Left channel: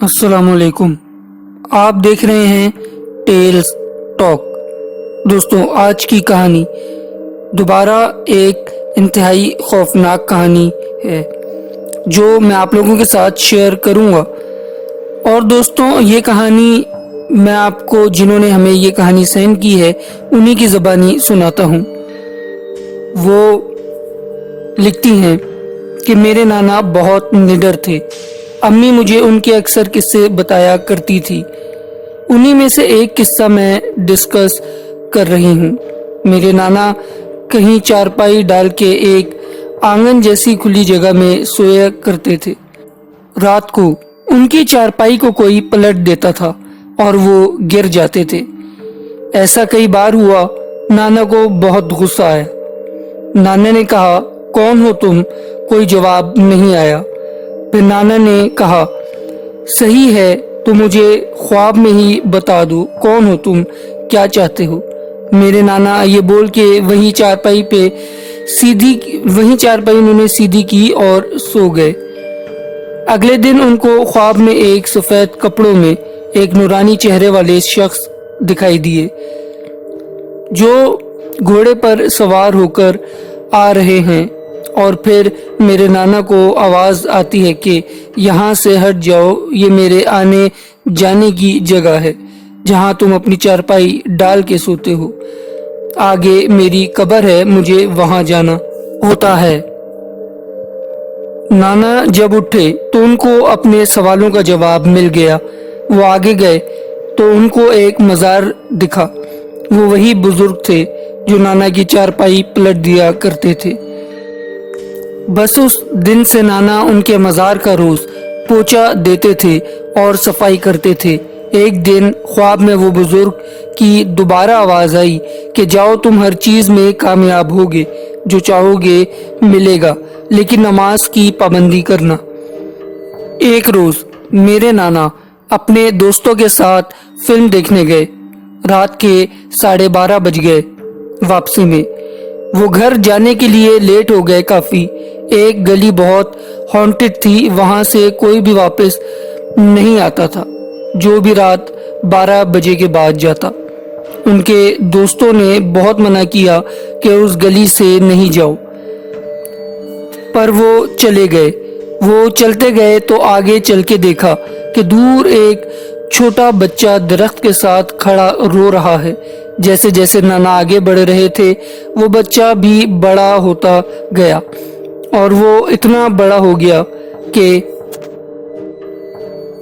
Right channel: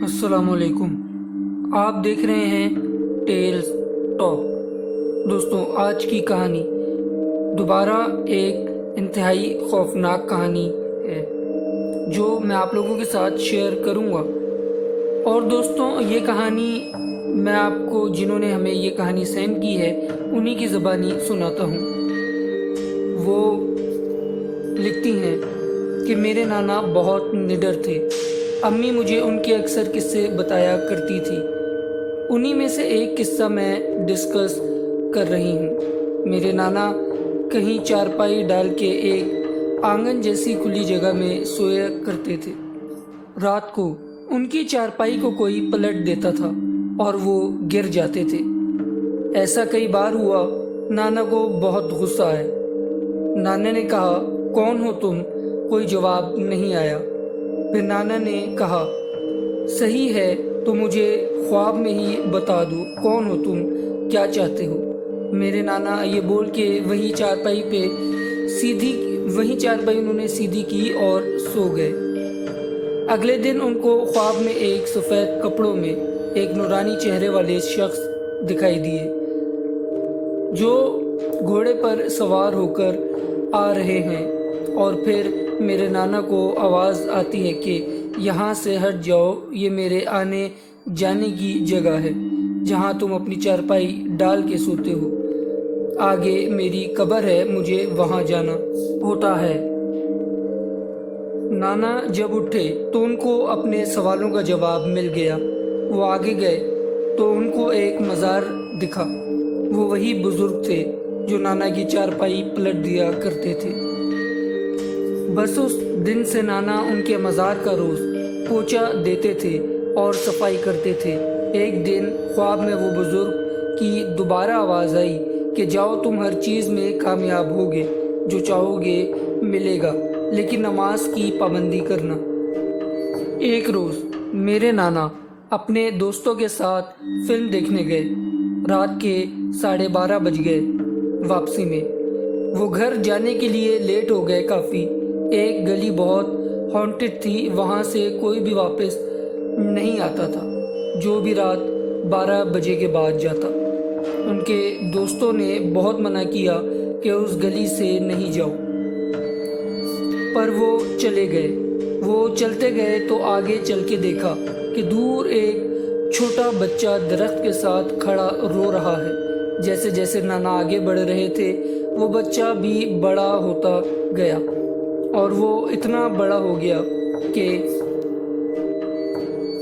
अस्सलाम वालेकुम। आप देख रहे हैं टेल्स टॉक। दोस्तों, आज की कहानी दोबारा एक इंतहाई खौफनाक कहानी है जो मैं आप लोगों के साथ शेयर करूंगा। और दोस्तों, ये कहानी मैं आपको, जिन्होंने हमें ये कहानी सेंड की है, उन्हीं की ज़बानी सुनाता हूँ। वो लिखती हैं कि मेरे नाना बहुत निडर थे। अम्मी मुझे उनके अक्सर किस्से बताया करती थी। उन्हीं में से एक किस्सा मैं डिस्कस कर रही हूँ। मेरे नाना कहीं चारपाई डाल के एक आंगन जैसी खुली जगह में सोया करते थे। रात को उनकी चारपाई को कोई पलट देता था और वो गिर जाते थे। ऐसा कई बार हुआ। नाना को बहुत गुस्सा आया। नाना ने कहा, कौन हो तुम? कोई जवाब नहीं आया। फिर नाना ने कहा, सही है तो मुझे ख्वाब में ही बता दो, कौन हो तुम, क्या चाहते हो? मेरे नाना ये बोल के वही चारपाई उन्होंने सीधी की और सो गए। अगले दिन उनको ख्वाब में एक सफेद कपड़ों में एक नूरानी चेहरे वाले शख्स दिखाई दिए जो घोड़े पर सवार होकर आ रहे हैं। और फिर मेरे नाना को आवाज़ आती है कि यहाँ से हट जाओ, ये मेरे आने जाने की जगह है जहाँ तुम अपनी चारपाई डाल के सोते हो। आगे मेरी कब्र है, मुझे वहाँ जाना होता है। नाना जब उठे तो उनको अपने सवालों का जवाब मिल गया। वो आगे गए तो उनको एक मज़ार दिखा। वो वही बुजुर्ग थे जो नाना की चारपाई पलट दिया करते थे। बस उस दिन से नाना उनके मज़ार का रोज पोछा देते थे और सफाई करते थे। एक दिन ख्वाब में वो बुजुर्ग की दोबारा आवाज़ आई कि जाओ, तुम हर चीज़ में कामयाब होगे, जो चाहोगे मिलेगा, लेकिन नमाज की पाबंदी करना। एक रोज़ मेरे नाना अपने दोस्तों के साथ फिल्म देखने गए। रात के 12:30 बज गए। वापसी में वो घर जाने के लिए लेट हो गए काफ़ी। एक गली बहुत हॉन्टेड थी, वहां से कोई भी वापस नहीं आता था जो भी रात 12 बजे के बाद जाता। उनके दोस्तों ने बहुत मना किया कि उस गली से नहीं जाओ, पर वो चले गए। वो चलते गए तो आगे चल के देखा कि दूर एक छोटा बच्चा दरख्त के साथ खड़ा रो रहा है। जैसे जैसे नाना आगे बढ़ रहे थे, वो बच्चा भी बड़ा होता गया और वो इतना बड़ा हो गया कि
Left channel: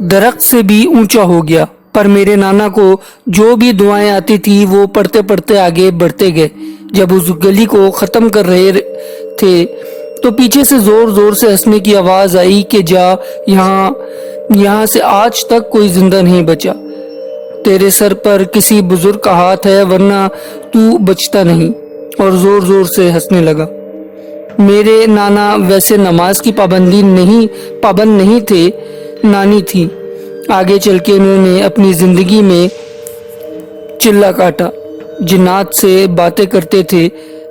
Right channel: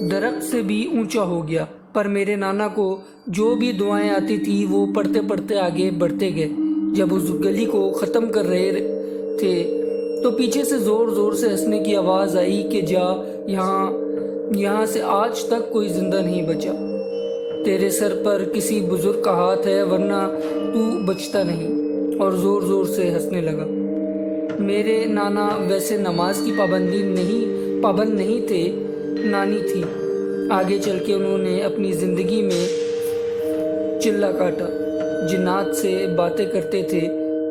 दरख्त से भी ऊंचा हो गया। पर मेरे नाना को जो भी दुआएं आती थी वो पढ़ते पढ़ते आगे बढ़ते गए। जब उस गली को ख़त्म कर रहे थे तो पीछे से ज़ोर ज़ोर से हंसने की आवाज़ आई कि जा, यहाँ से आज तक कोई जिंदा नहीं बचा। तेरे सर पर किसी बुजुर्ग का हाथ है, वरना तू बचता नहीं। और ज़ोर ज़ोर से हंसने लगा। मेरे नाना वैसे नमाज की पाबंद नहीं थे, नानी थी। आगे चल के उन्होंने अपनी ज़िंदगी में चिल्ला काटा। जिन्नात से बातें करते थे।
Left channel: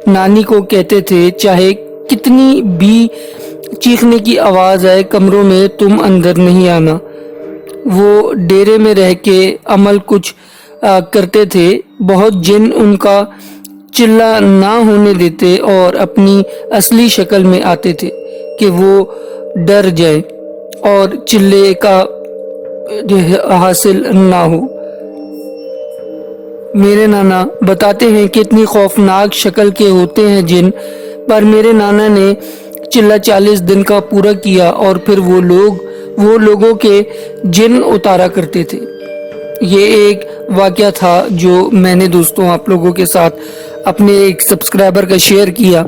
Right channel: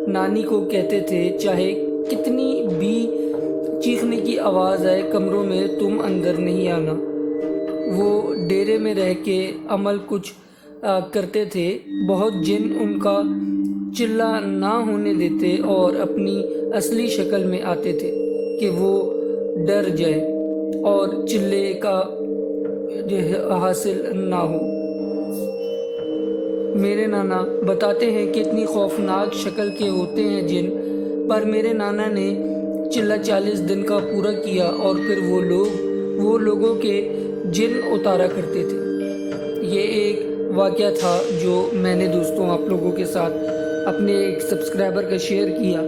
नानी को कहते थे, चाहे कितनी भी चीखने की आवाज़ आए, कमरों में तुम अंदर नहीं आना। वो डेरे में रह के अमल कुछ करते थे। बहुत जिन उनका चिल्ला ना होने देते और अपनी असली शक्ल में आते थे कि वो डर जाए और चिल्ले का हासिल ना हो। मेरे नाना बताते हैं कि इतनी खौफनाक शक्ल के होते हैं जिन, पर मेरे नाना ने चिल्ला 40 दिन का पूरा किया और फिर वो लोगों के जिन उतारा करते थे। ये एक वाकया था जो मैंने दोस्तों आप लोगों के साथ अपने एक सब्सक्राइबर का शेयर किया।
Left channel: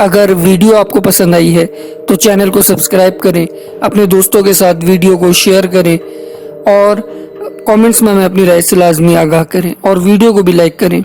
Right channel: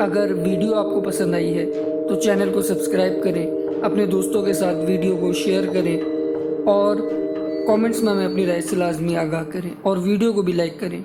अगर वीडियो आपको पसंद आई है तो चैनल को सब्सक्राइब करें, अपने दोस्तों के साथ वीडियो को शेयर करें और कमेंट्स में हमें अपनी राय से लाजमी आगाह करें और वीडियो को भी लाइक करें।